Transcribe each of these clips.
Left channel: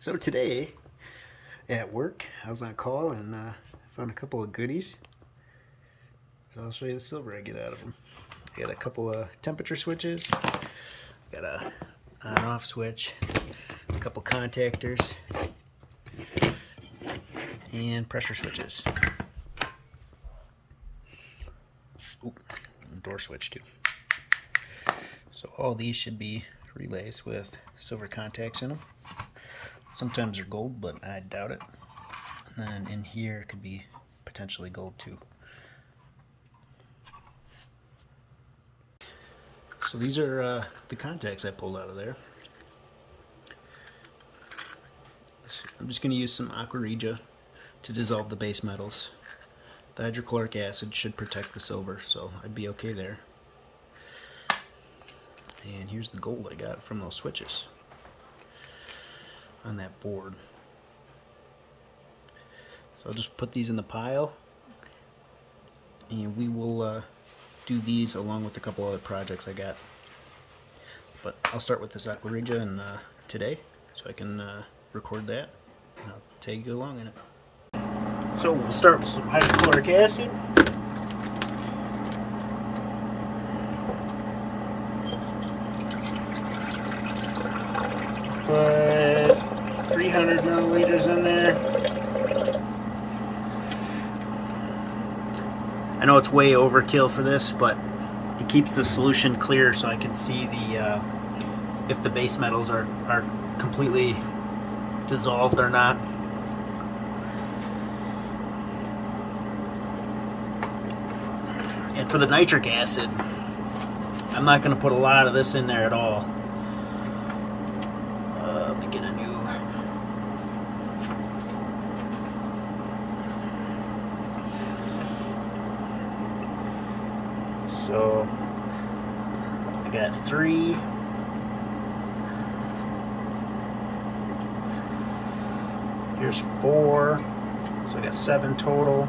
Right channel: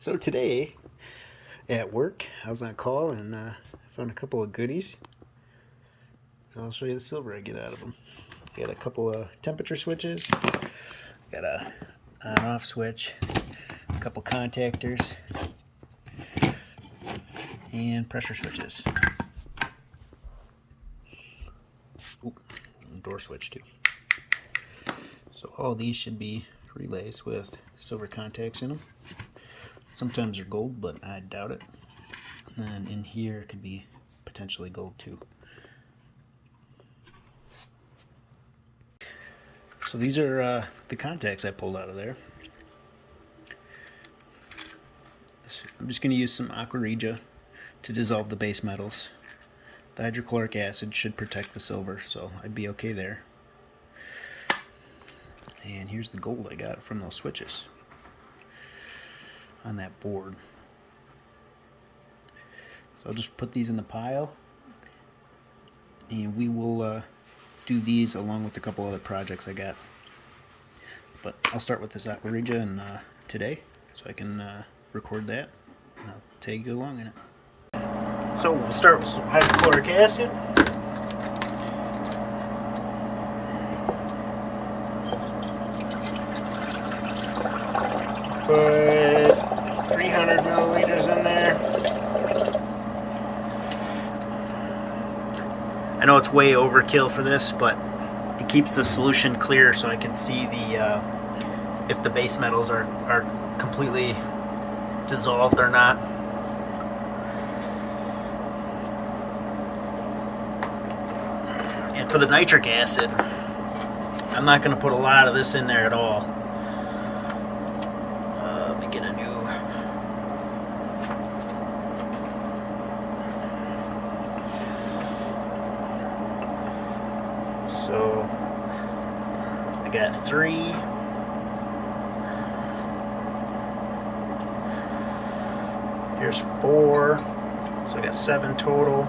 So today at work, I was on call and found a couple of goodies. So I'll show you the silver I get out of them. I got a couple of temperature switches, got a on-off switch, a couple contactors, and pressure switches. Ooh, door switch too. So all these should be relays with silver contacts in them. Sometimes they're gold, but I doubt it. And then in here could be potentially gold too. So these are the contacts I pulled out of there. I'm just going to use some aqua regia to dissolve the base metals. The hydrochloric acid should protect the silver, so I'd be okay there. And here's the gold I got from those switches on that board. So I'll just put these in the pile, and we will do these along with a couple other projects I got. But I'll start with this aqua regia and today, so I can record that, and I'll tag you along in it. So we'll start with some hydrochloric acid. Put 300 milliliters in there. I know it's way overkill for this, but it keeps the solution clear so I can see the if the base metals are completely dissolved or not. And for the nitric acid, I'm not going to put a lot of this in there at all. Let me get a new... So, I got 3. Here's 4. So I got 7 total.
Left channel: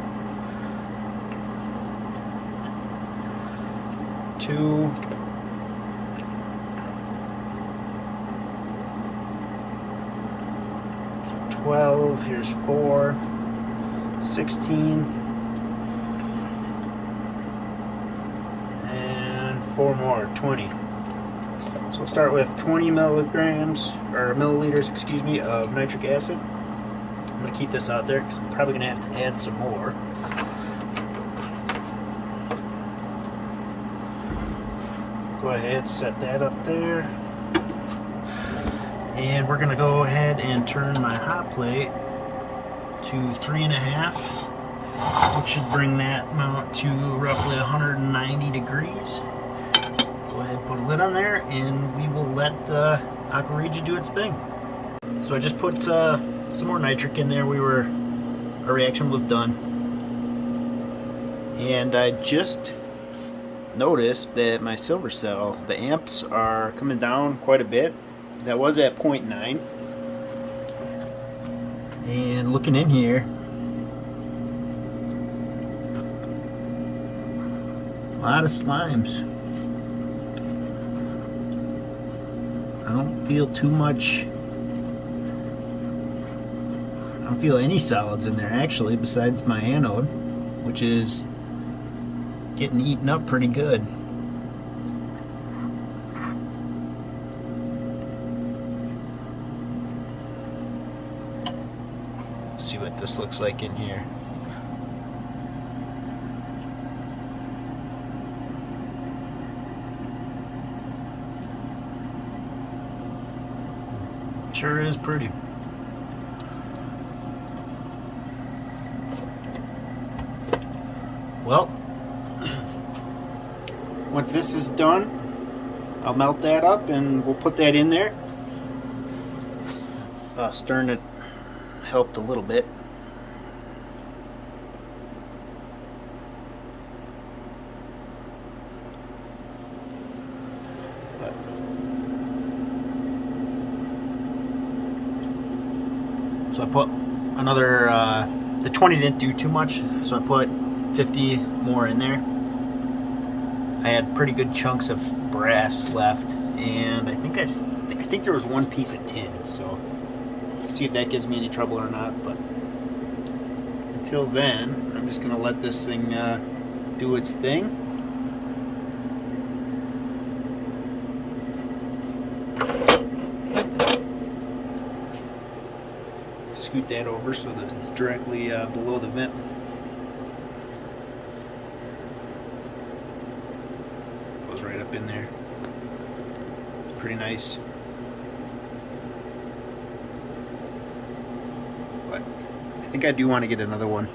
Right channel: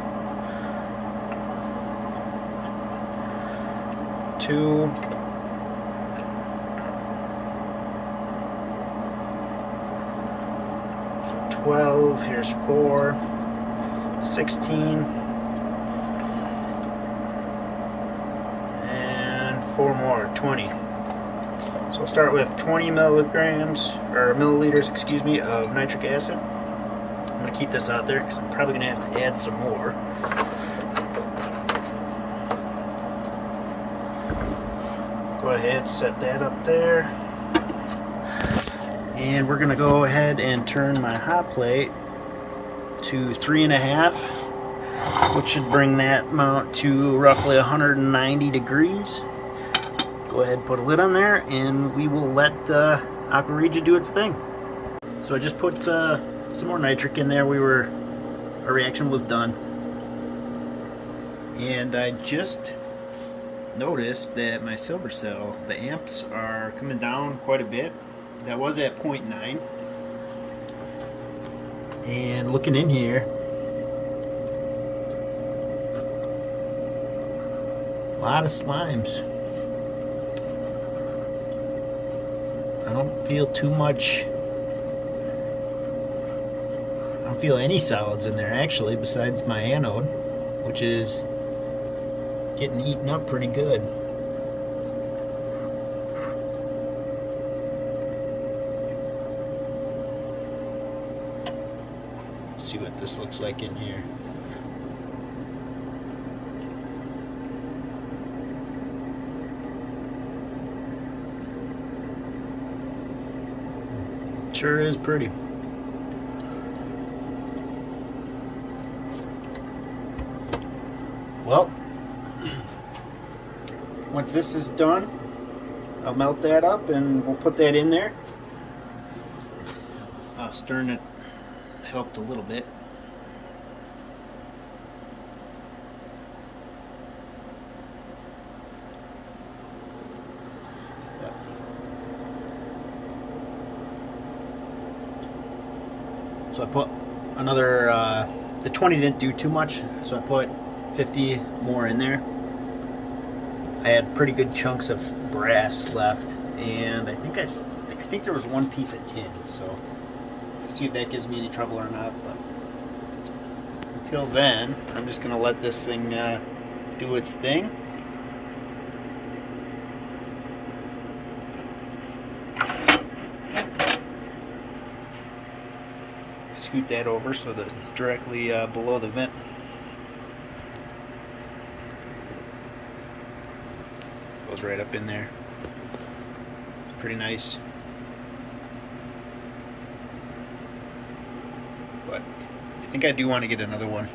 2. 12. Here's 4. 16. 4 more, 20. So we'll start with 20 milligrams, or milliliters, excuse me, of nitric acid. I'm going to keep this out there because I'm probably going to have to add some more. Go ahead, set that up there. And we're going to go ahead and turn my hot plate to 3.5, which should bring that amount to roughly 190 degrees. Go ahead, put a lid on there, and we will let the aqua regia do its thing. So I just put some more nitric in there. Our reaction was done, and I just noticed that my silver cell, the amps are coming down quite a bit. That was at 0.9, and looking in here, a lot of slimes. I don't feel too much. I don't feel any solids in there actually, besides my anode, which is getting eaten up pretty good. Let's see what this looks like in here. Sure is pretty. Well, once this is done, I'll melt that up and we'll put that in there. Stirring it helped a little bit. So I put another, the 20 didn't do too much, so I put 50 more in there. I had pretty good chunks of brass left, and I think there was one piece of tin, so see if that gives me any trouble or not, but until then, I'm just going to let this thing do its thing. Scoot that over so that it's directly below the vent. Goes right up in there. Pretty nice. But I think I do want to get another one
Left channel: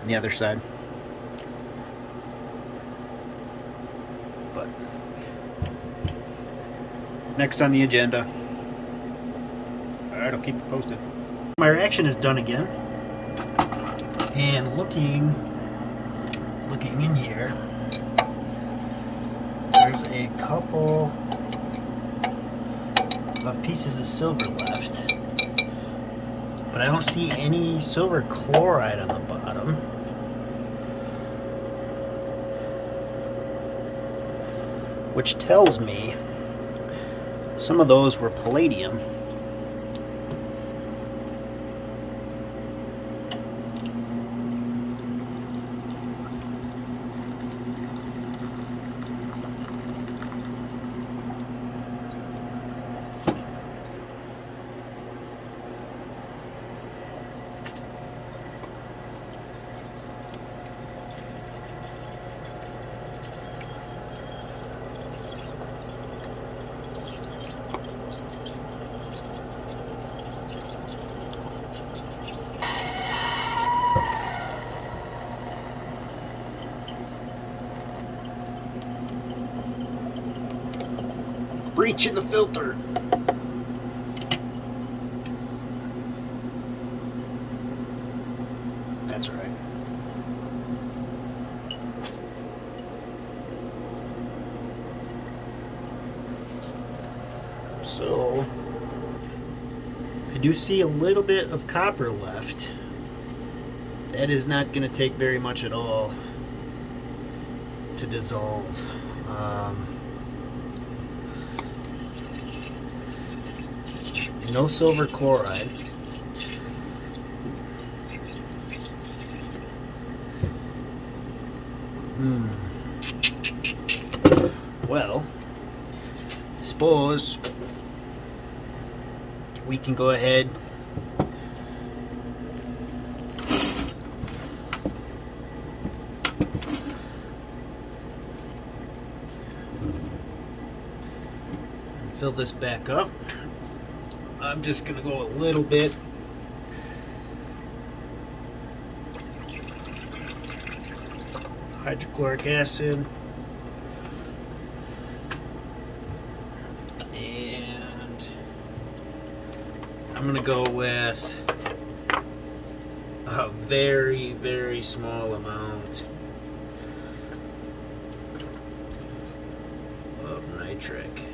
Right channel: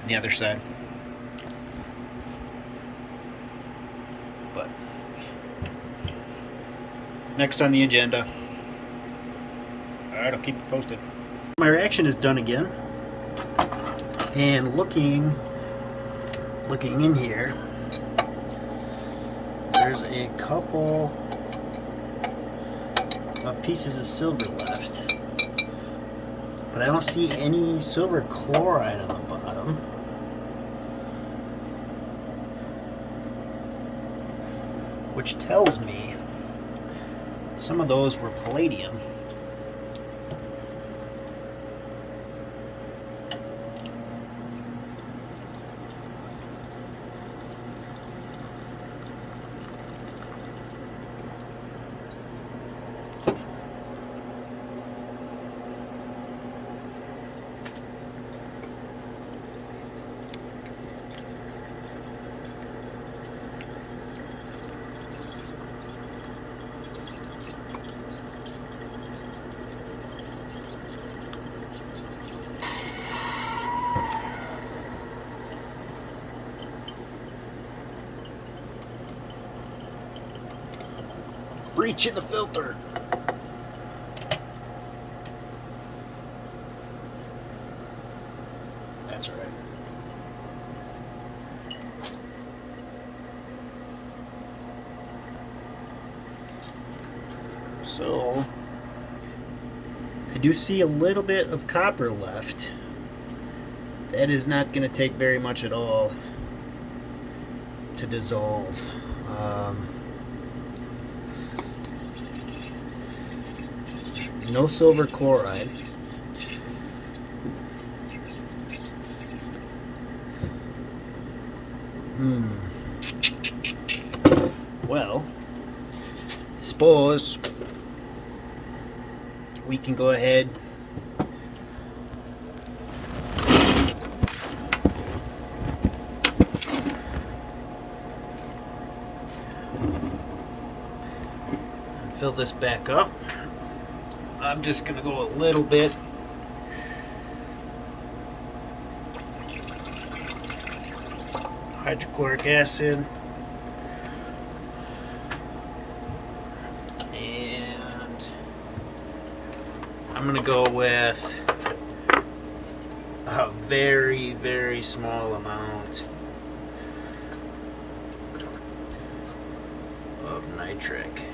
on the other side. But next on the agenda. Alright, I'll keep you posted. My reaction is done again. And looking in here, there's a couple of pieces of silver left, but I don't see any silver chloride on the bottom. Which tells me some of those were palladium. Breach in the filter. That's right. So I do see a little bit of copper left. That is not going to take very much at all to dissolve. No silver chloride. Well, I suppose we can go ahead and fill this back up. I'm just going to go a little bit. Hydrochloric acid. And I'm going to go with a very, very small amount of nitric.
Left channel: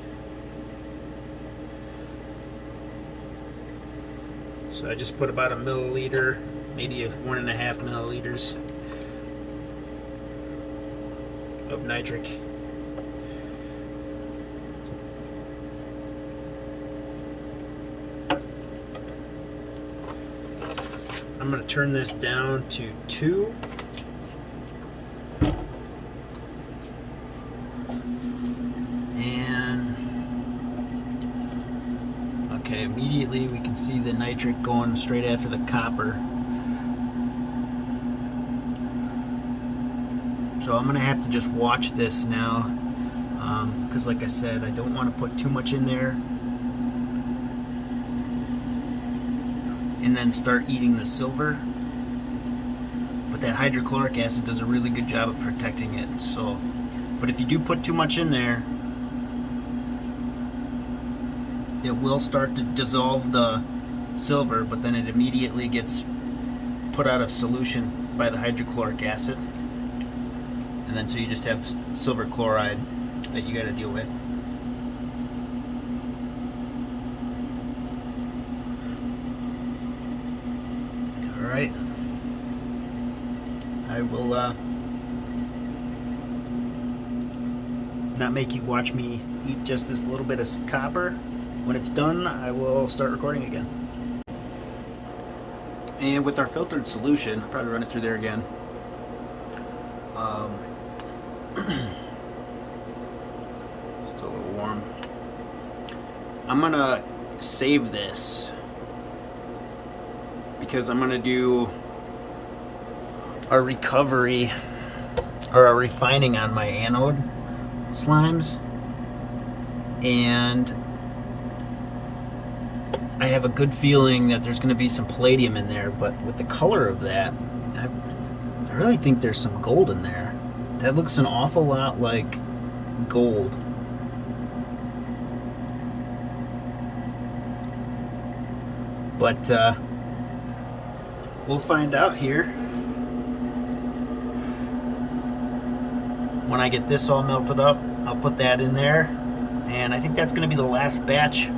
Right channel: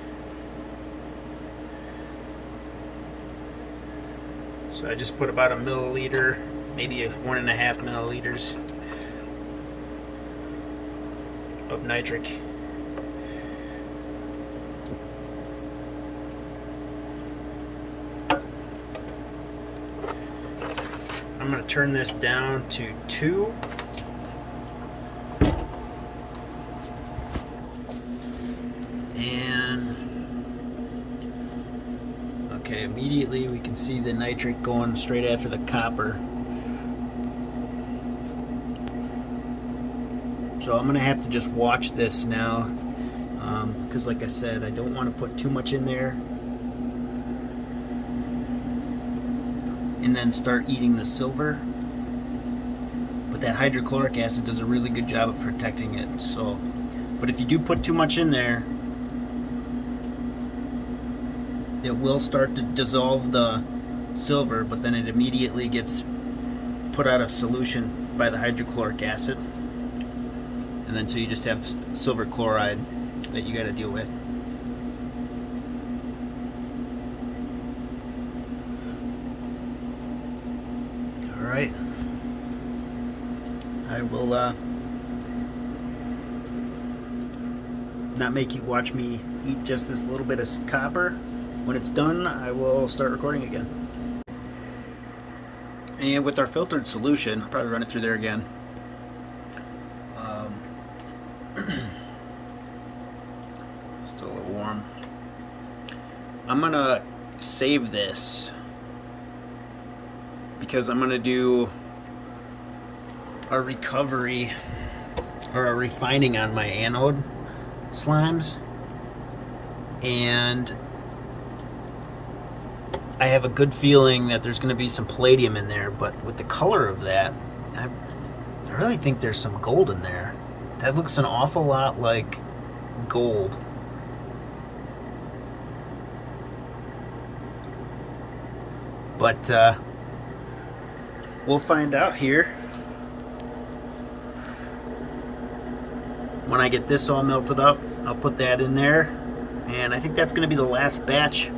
So I just put about a milliliter, maybe 1.5 milliliters of nitric. I'm going to turn this down to 2. Okay, immediately we can see the nitric going straight after the copper. So I'm going to have to just watch this now, because like I said, I don't want to put too much in there and then start eating the silver. But that hydrochloric acid does a really good job of protecting it. So, but if you do put too much in there, it will start to dissolve the silver, but then it immediately gets put out of solution by the hydrochloric acid, and then so you just have silver chloride that you got to deal with. All right, I will not make you watch me eat just this little bit of copper. When it's done, I will start recording again. And with our filtered solution, I'll probably run it through there again. Still a little warm. I'm gonna save this because I'm gonna do a recovery or a refining on my anode slimes, and I have a good feeling that there's going to be some palladium in there, but with the color of that, I really think there's some gold in there. That looks an awful lot like gold. But we'll find out here when I get this all melted up. I'll put that in there, and I think that's going to be the last batch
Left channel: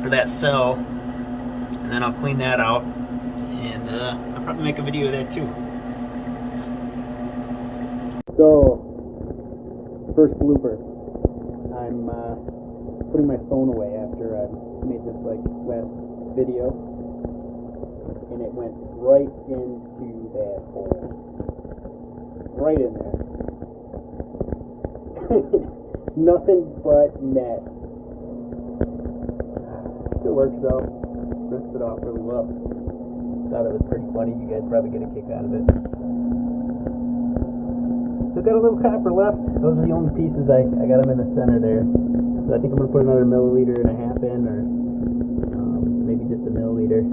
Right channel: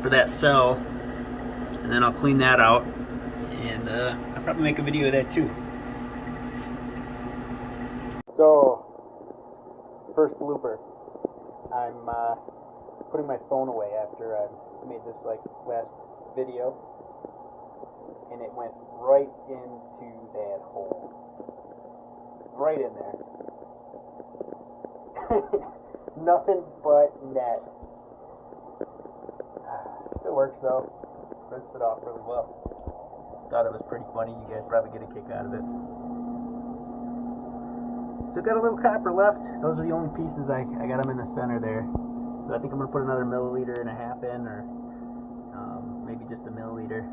for that cell, and then I'll clean that out, and I'll probably make a video of that too. So, first blooper. I'm putting my phone away after I made this last video, and it went right into that hole, right in there. Nothing but net. Still works though. Rinsed it off really well. Thought it was pretty funny. You guys probably get a kick out of it. Still got a little copper left. Those are the only pieces. I got them in the center there. So I think I'm going to put another 1.5 milliliters in, or maybe just a milliliter.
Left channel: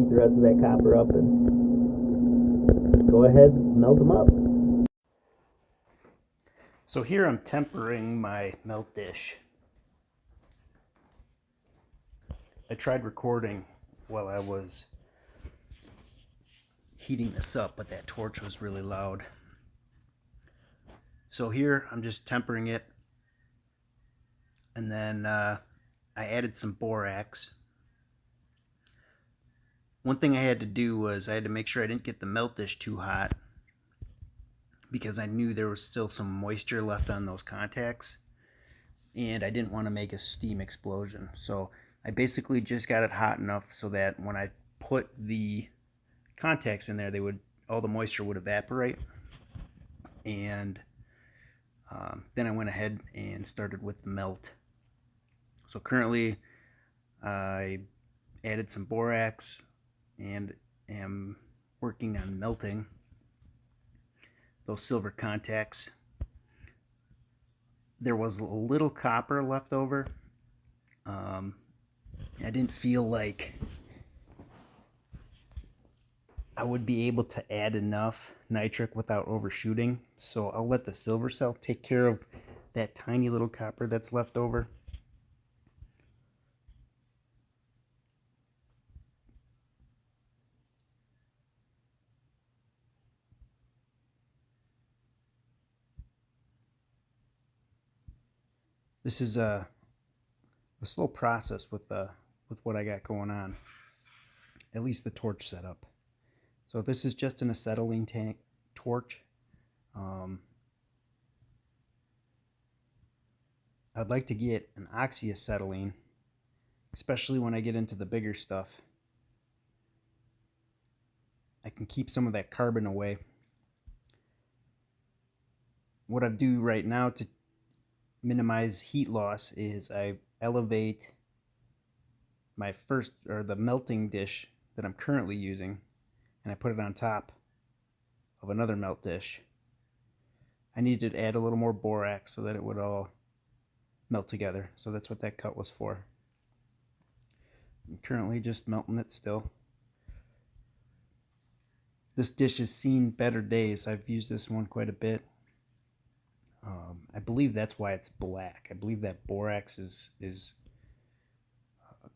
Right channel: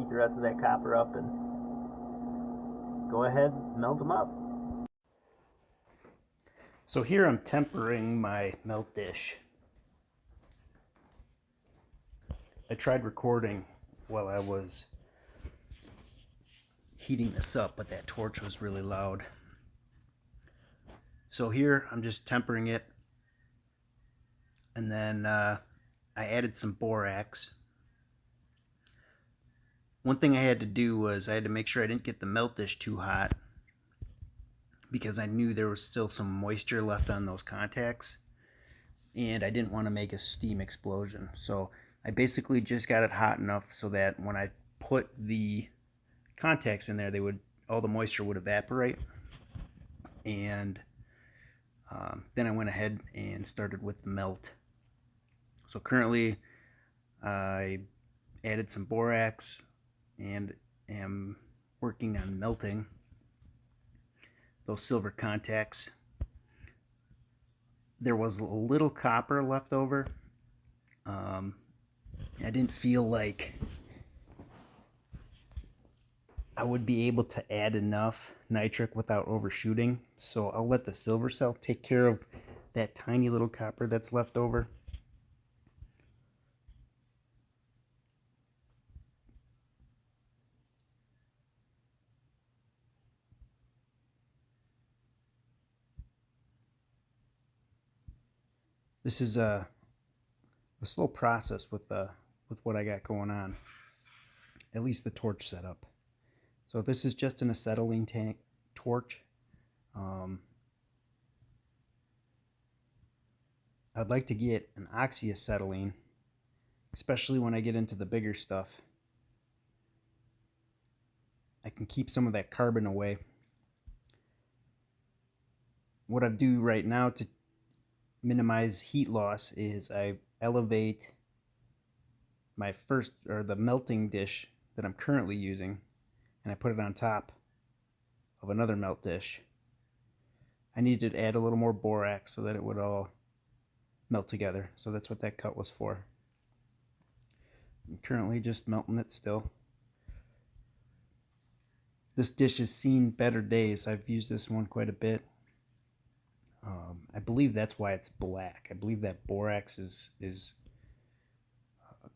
Eat the rest of that copper up and go ahead and melt them up. So here I'm tempering my melt dish. I tried recording while I was heating this up, but that torch was really loud. So here I'm just tempering it, and then I added some borax. One thing I had to do was I had to make sure I didn't get the melt dish too hot, because I knew there was still some moisture left on those contacts, and I didn't want to make a steam explosion. So I basically just got it hot enough so that when I put the contacts in there, all the moisture would evaporate. And then I went ahead and started with the melt. So currently I added some borax and am working on melting those silver contacts. There was a little copper left over. I didn't feel like I would be able to add enough nitric without overshooting, so I'll let the silver cell take care of that tiny little copper that's left over. This is a slow process with what I got going on, at least the torch setup. So this is just an acetylene tank torch. I'd like to get an oxyacetylene, especially when I get into the bigger stuff. I can keep some of that carbon away. What I do right now to minimize heat loss is I elevate my the melting dish that I'm currently using, and I put it on top of another melt dish. I needed to add a little more borax so that it would all melt together. So that's what that cut was for. I'm currently just melting it still. This dish has seen better days. I've used this one quite a bit. I believe that's why it's black. I believe that borax is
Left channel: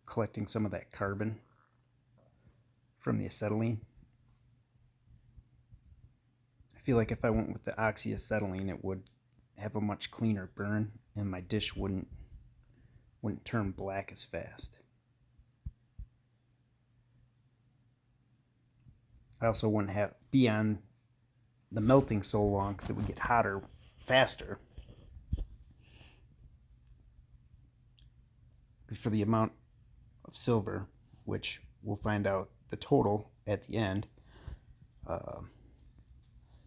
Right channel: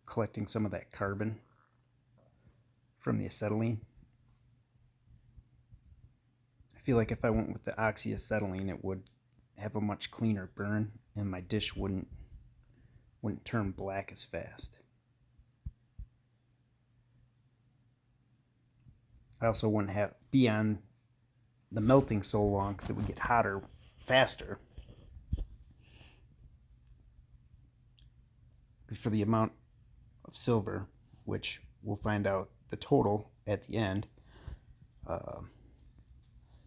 collecting some of that carbon from the acetylene. I feel like if I went with the oxyacetylene, it would have a much cleaner burn, and my dish wouldn't turn black as fast. I also wouldn't be on the melting so long, because it would get hotter faster. For the amount of silver, which we'll find out the total at the end,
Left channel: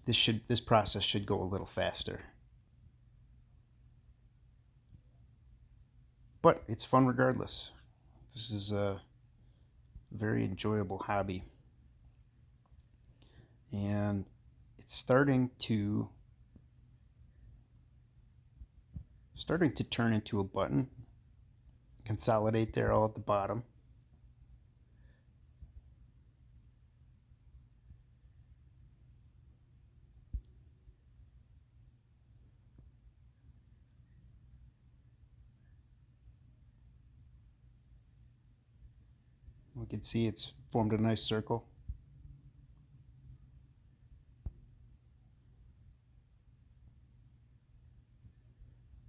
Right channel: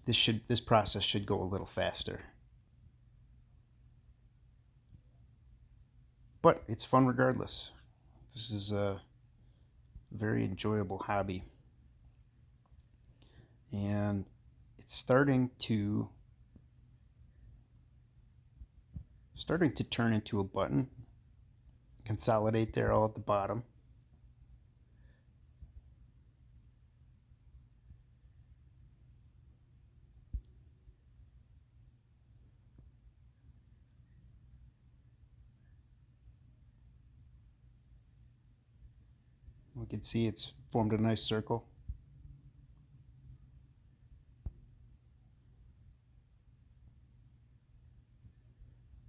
this process should go a little faster. But it's fun regardless. This is a very enjoyable hobby, and it's starting to turn into a button. Consolidate there all at the bottom. We can see it's formed a nice circle.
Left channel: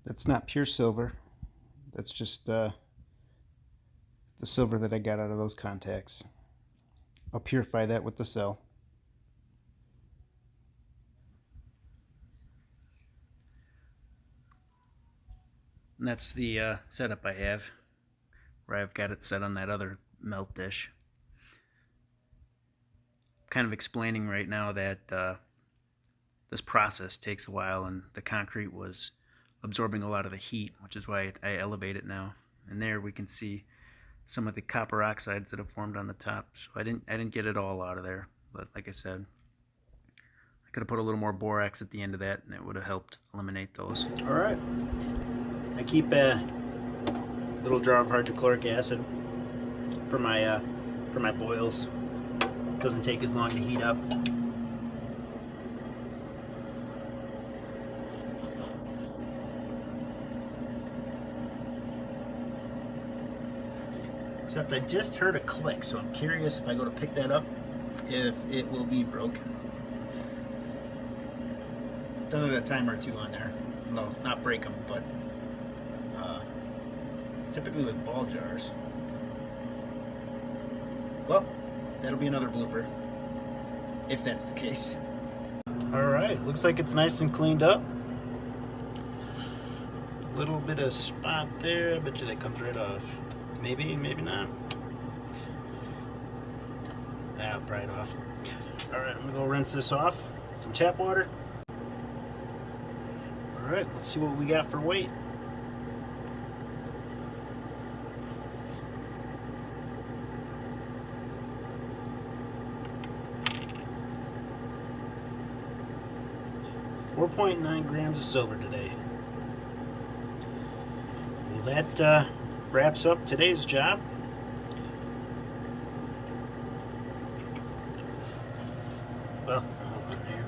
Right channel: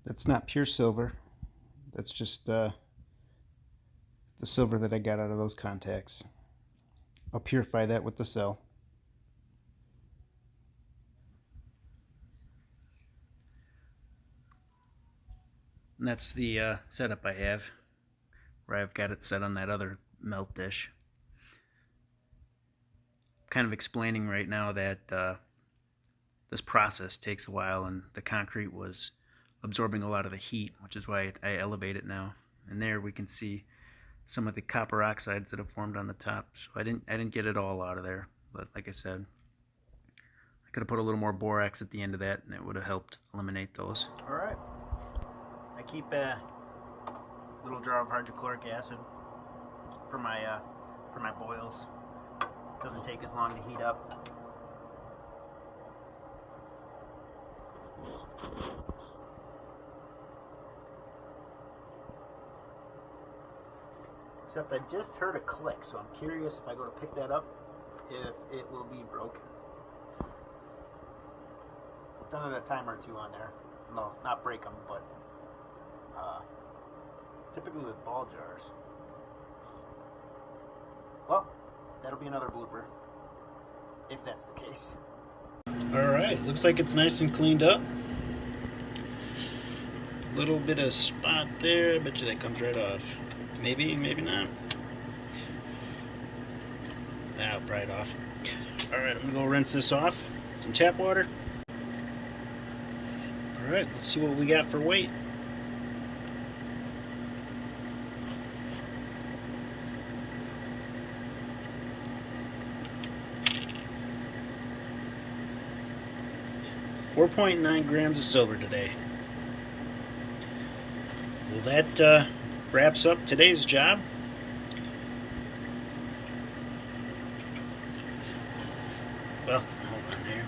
That's not pure silver. That's just the silver that I got out of those contacts. I'll purify that with the cell. And that's the setup I have, where I've got it set on that other melt dish. Kind of explaining right now that this process takes a while, and the concrete was absorbing a lot of the heat, which is why I elevate it now. And there we can see some of the copper oxides that have formed on the top. So I didn't get it all out of there, but like I said, I could have put a little more borax at the end of that, and it would have helped eliminate those. All right, I keep a little jar of hydrochloric acid for my boils. Doesn't take as long to heat up. Except I just heard a click, so I'm curious if I go to pick that up, if it will be broken. Done it a time or two on there. No, not break them, but typically with ball jars. Well, that'll be another blooper, if that's the case. Alright, looks like it's nice and cleaned up. Little bit of spot there, I bet you that comes right off. Maybe, maybe not. That'll pry it off. Alright, I'm gonna go rinse this off. Some tap water. Alright, let's see what we got for weight. .9 grams of silver today. Well, that wraps up today's job. Well, hold on here.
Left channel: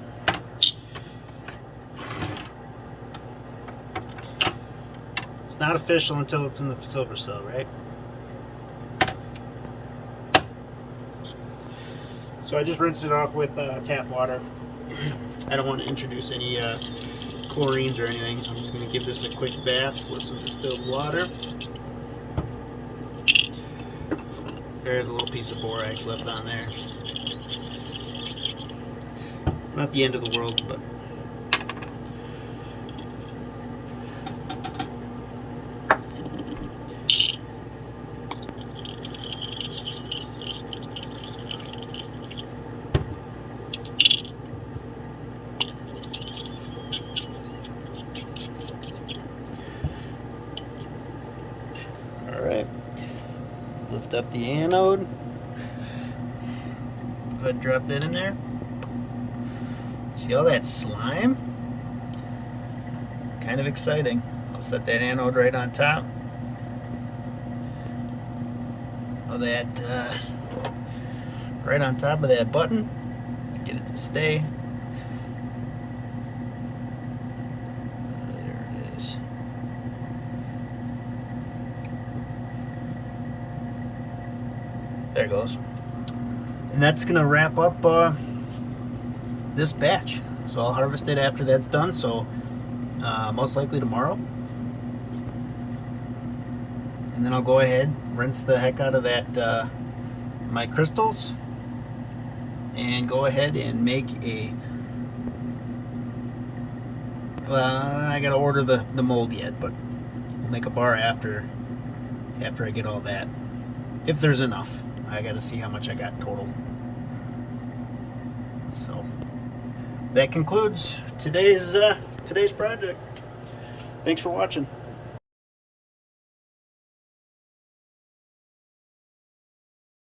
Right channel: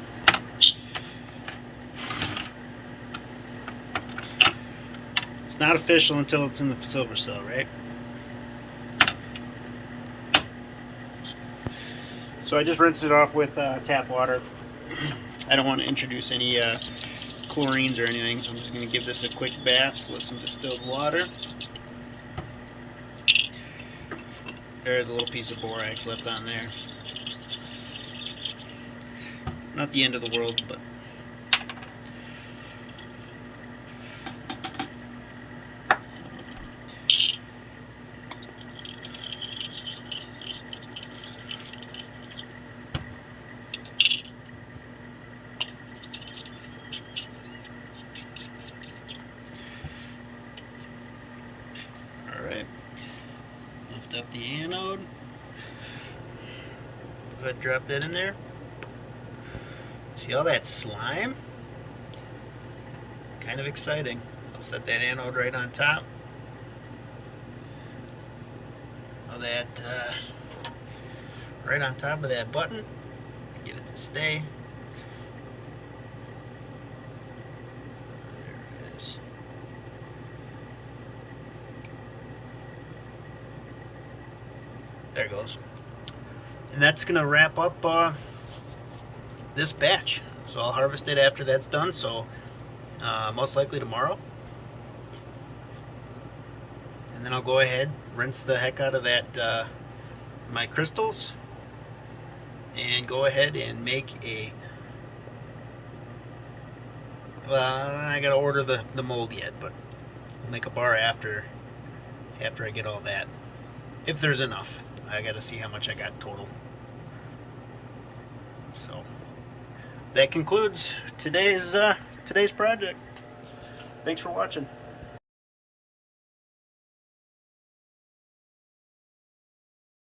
It's not official until it's in the silver cell, right? So I just rinsed it off with tap water. I don't want to introduce any chlorines or anything. I'm just going to give this a quick bath with some distilled water. There's a little piece of borax left on there. Not the end of the world, but alright. Lift up the anode. Go ahead and drop that in there. See all that slime? Kind of exciting. I'll set that anode right on top of that, right on top of that button. Get it to stay. There it is. There it goes. And that's gonna wrap up this batch. So I'll harvest it after that's done, so most likely tomorrow. And then I'll go ahead, rinse the heck out of that my crystals, and go ahead and make a, well, I gotta order the mold yet, but we'll make a bar after I get all that, if there's enough. I gotta see how much I got total. So that concludes today's project. Thanks for watching.